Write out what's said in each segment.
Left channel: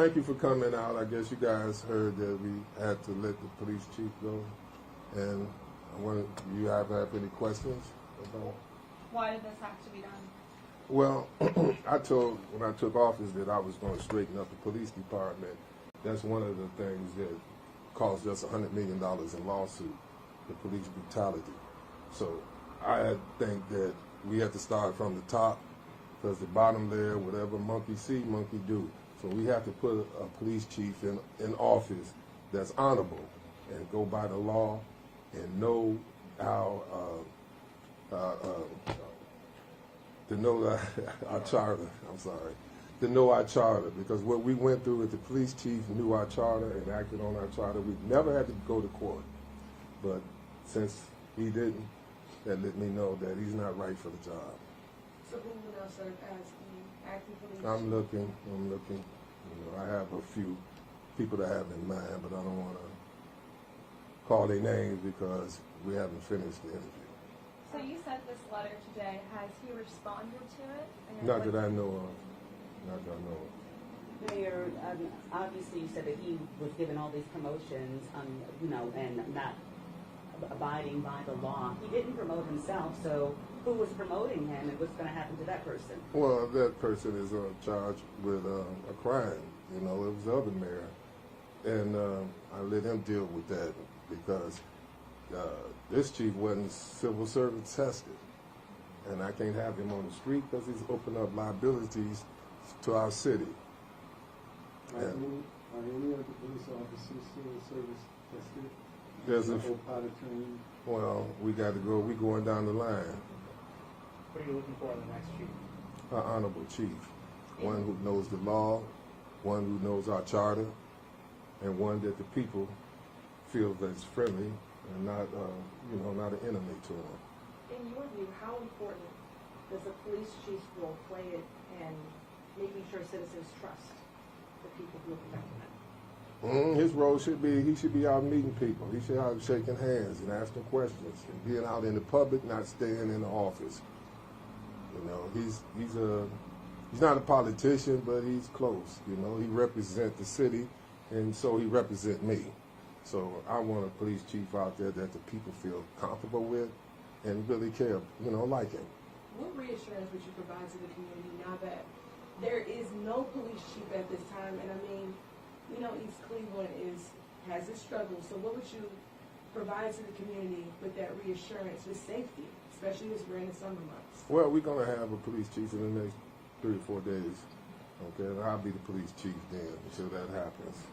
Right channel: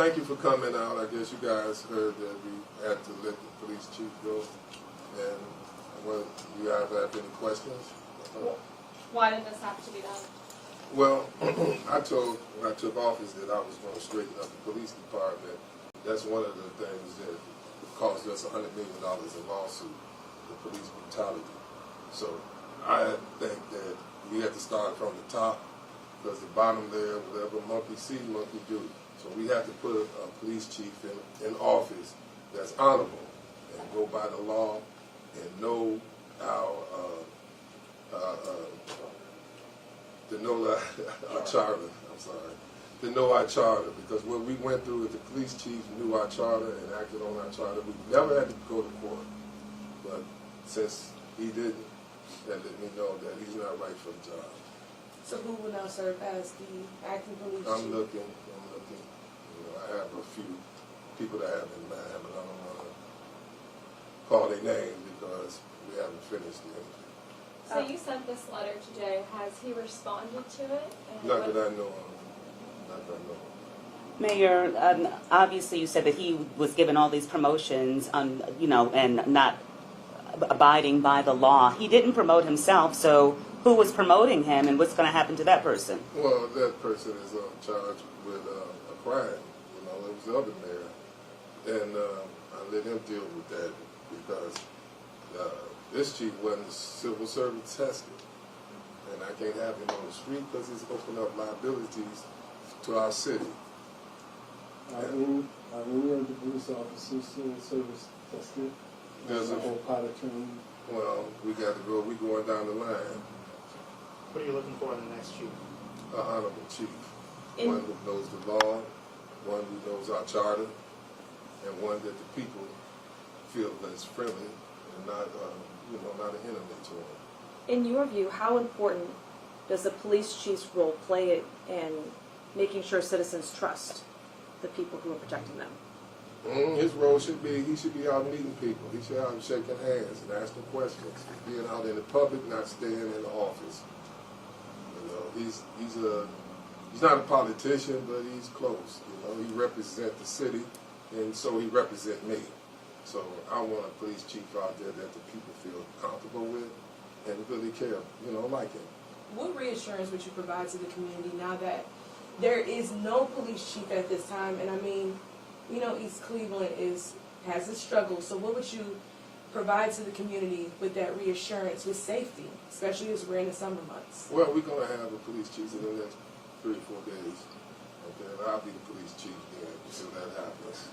Thank you for coming out. I guess you guys heard that we had to let the police chief go. And you guys have any questions about? Why did this have to be done? Well, I told when I took office that I was going to straighten up the police department. That's one of the things that cost us $100 million in lawsuit, the police brutality. So I think that we have to start from the top, because the bottom there, whatever monkey see, monkey do. So we have to put a police chief in office that's honorable and go by the law and know our our charter. I'm sorry, to know our charter, because what we went through with the police chief knew our charter and acted on our charter. We never had to go to court, but since he didn't, that let me know that he's not right for the job. So who will now serve as the acting police chief? I'm looking. You know, I have a few people that I have in mind, but I don't want to call their names because we haven't finished the interview. So you sent this letter today. Has he responded to it? And Not that I know of. Not that I know of. Mayor, obviously you said that he was given all these promotions, you know, and not abiding by the law. He didn't promote himself, so who was promoting him, and what's going to happen to that person? Well, that person is charged with a crime. You know, it was the other mayor, and I let him deal with that because this chief wasn't civil service tested, and I can't have him on the street because he's opened up liabilities to our city. Are any of the police officers civil service tested? There's a whole pot of training. Well, we got to go. We're going down the line. What are you looking for in the next chief? An honorable chief, one who knows the law, one who knows our charter, and one that the people feel that's friendly and not, not an enemy to them. In your view, how important does the police chief's role play in making sure citizens trust the people who are protecting them? His role should be, he should be out meeting people. He should be out shaking hands and asking questions, being out in the public, not staying in the office. You know, he's not a politician, but he's close. You know, he represents the city, and so he represents me. So I want a police chief out there that the people feel comfortable with and really care, like him. What reassurance would you provide to the community now that there is no police chief at this time? And I mean, we know East Cleveland has its struggles. So what would you provide to the community with that reassurance, with safety, especially as we're in the summer months? Well, we're going to have a police chief in the next 3 or 4 days. Okay, and I'll be the police chief then until that happens.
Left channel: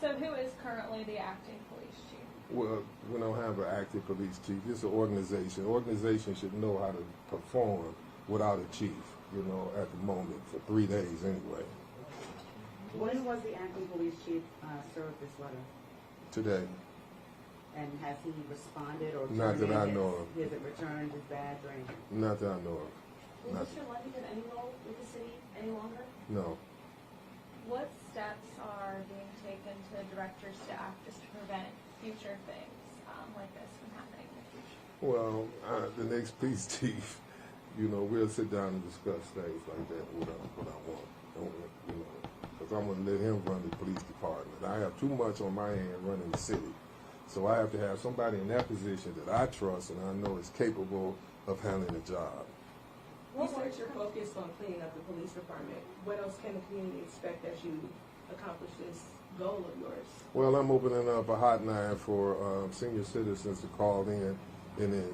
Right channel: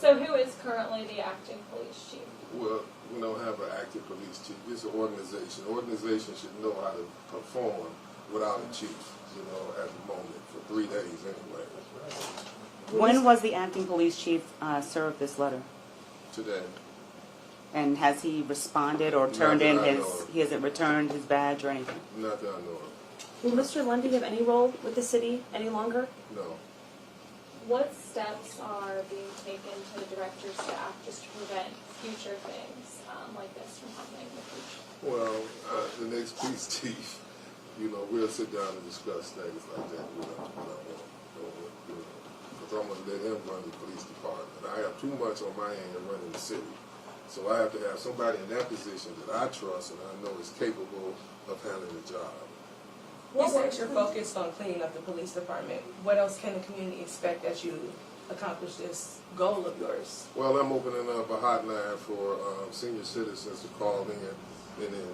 So who is currently the acting police chief? Well, we don't have an active police chief. It's an organization. Organization should know how to perform without a chief, at the moment, for 3 days anyway. When was the acting police chief served this letter? Today. And has he responded or Not turned that in I know of. he hasn't returned his badge or anything? Not that I know of. Will Mr. Lundy have any role with the city any longer? No. What steps are being taken to direct your staff just to prevent future things like this from happening in the future? Well, the next police chief, we'll sit down and discuss things like that. Because I'm going to let him run the police department. I have too much on my hand running the city. So I have to have somebody in that position that I trust and I know is capable of handling the job. You said you're focused on cleaning up the police department. What else can the community expect as you accomplish this goal of yours? Well, I'm opening up a hotline for senior citizens to call in, and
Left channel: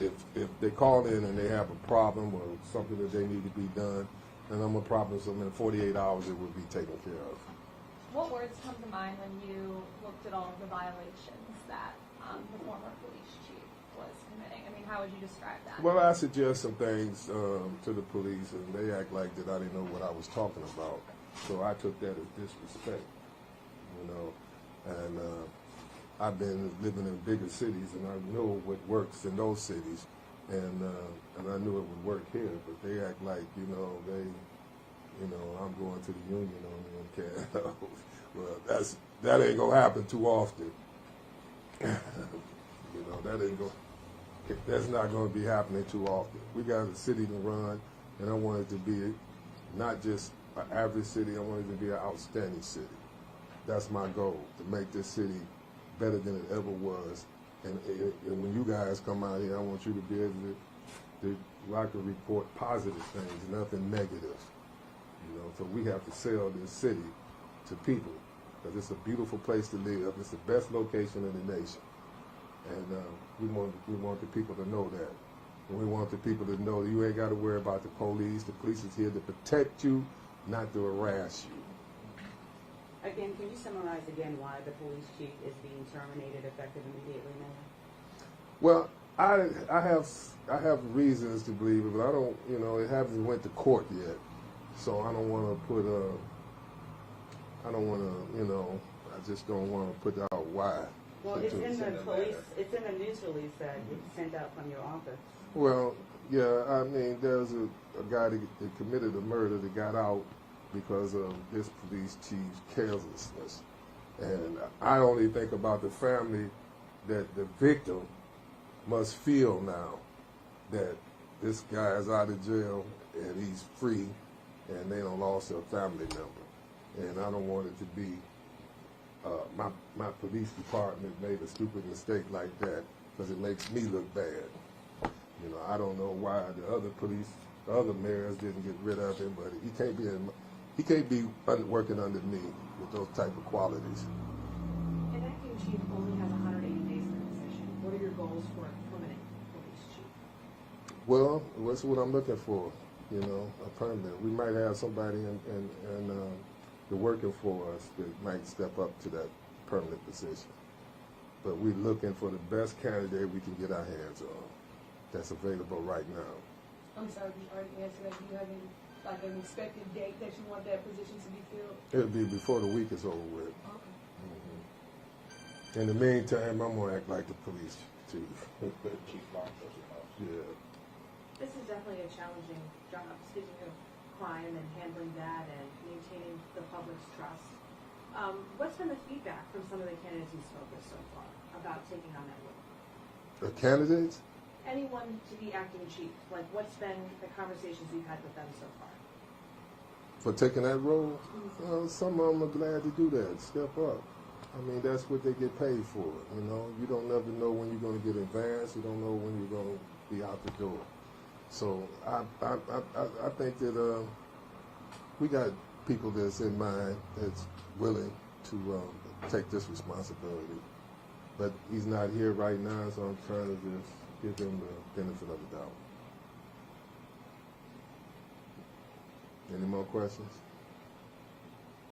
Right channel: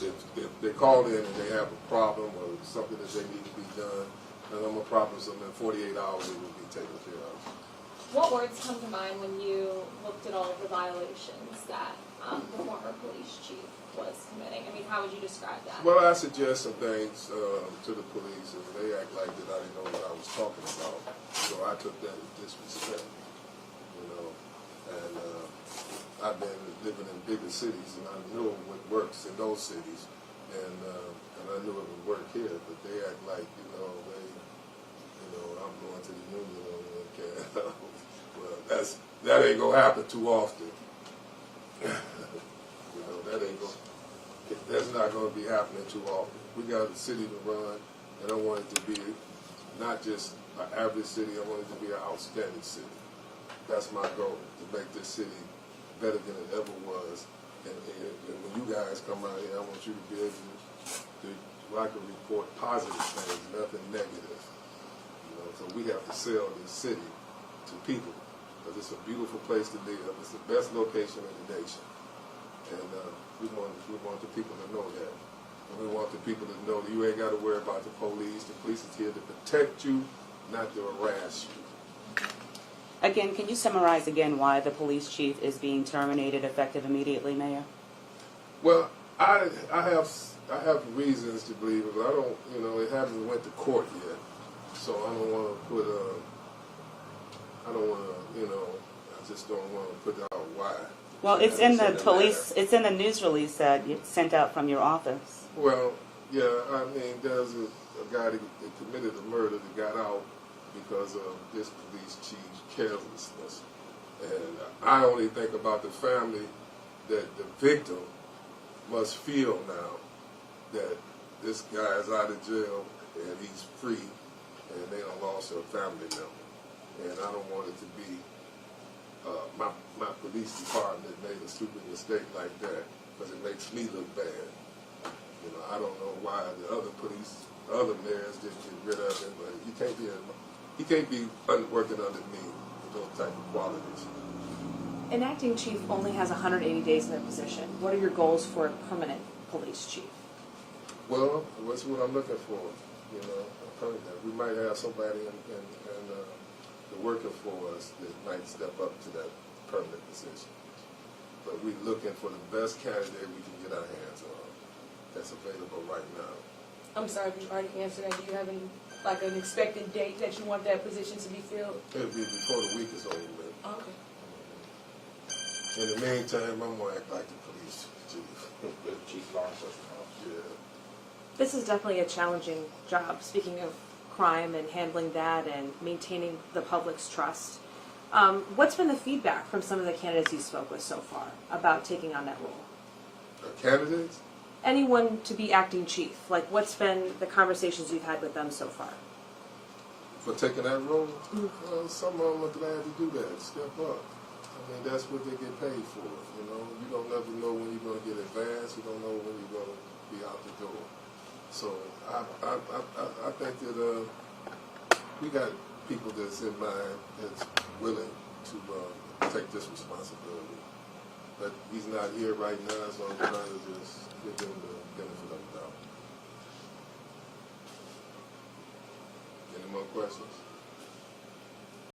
if they call in and they have a problem or something that they need to be done, then I'm going to promise them in 48 hours it will be taken care of. What words come to mind when you looked at all of the violations that the former police chief was committing? I mean, how would you describe that? Well, I suggest some things to the police, and they act like that I didn't know what I was talking about. So I took that as disrespect, And I've been living in bigger cities, and I know what works in those cities, and I knew it would work here. But they act like, I'm going to the union and can't. Well, that ain't gonna happen too often. That's not going to be happening too often. We got a city to run, and I want it to be not just an average city. I want it to be an outstanding city. That's my goal, to make this city better than it ever was. And when you guys come out here, I want you to be able to I can report positive things, nothing negative. You know, so we have to sell this city to people, because it's a beautiful place to live. It's the best location in the nation, and we want the people to know that. And we want the people to know you ain't got to worry about the police. The police is here to protect you, not to harass you. Again, can you summarize again why the police chief is being terminated effective immediately, Mayor? Well, I have reasons to believe it, but I don't, you know, it hasn't went to court yet, so I don't want to put you know, I just don't want to put out why. Well, it's in the police, it's in the news release that you sent out from your office. Well, yeah, I mean, there's a guy that committed a murder that got out because of this police chief's carelessness. And I only think about the family that the victim must feel now that this guy is out of jail and he's free and they don't lost a family member. And I don't want it to be my police department made a stupid mistake like that, because it makes me look bad. You know, I don't know why the other mayors didn't get rid of him, but he can't be working under me with those type of qualities. An acting chief only has 180 days in their position. What are your goals for a permanent police chief? Well, what's what I'm looking for? You know, a permanent. We might have somebody in the working for us that might step up to that permanent position. But we're looking for the best candidate we can get our hands on that's available right now. I'm sorry if you already answered that. Do you have an expected date that you want that position to be filled? It'll be before the week is over with. Okay. In the meantime, I'm gonna act like the police chief. Chief law enforcement officer. Yeah. This is definitely a challenging job, speaking of crime and handling that and maintaining the public's trust. What's been the feedback from some of the candidates you spoke with so far about taking on that role? The candidates? Anyone to be acting chief, like what's been the conversations you've had with them so far? For taking that role? Well, some of them are glad to do that, step up. I mean, that's what they get paid for, you know. You don't never know when you're going to get advanced. You don't know when you're going to be out the door. So I think that we got people that's in mind that's willing to take this responsibility. But he's not here right now, so I'm trying to just give them the benefit of the doubt. Any more questions?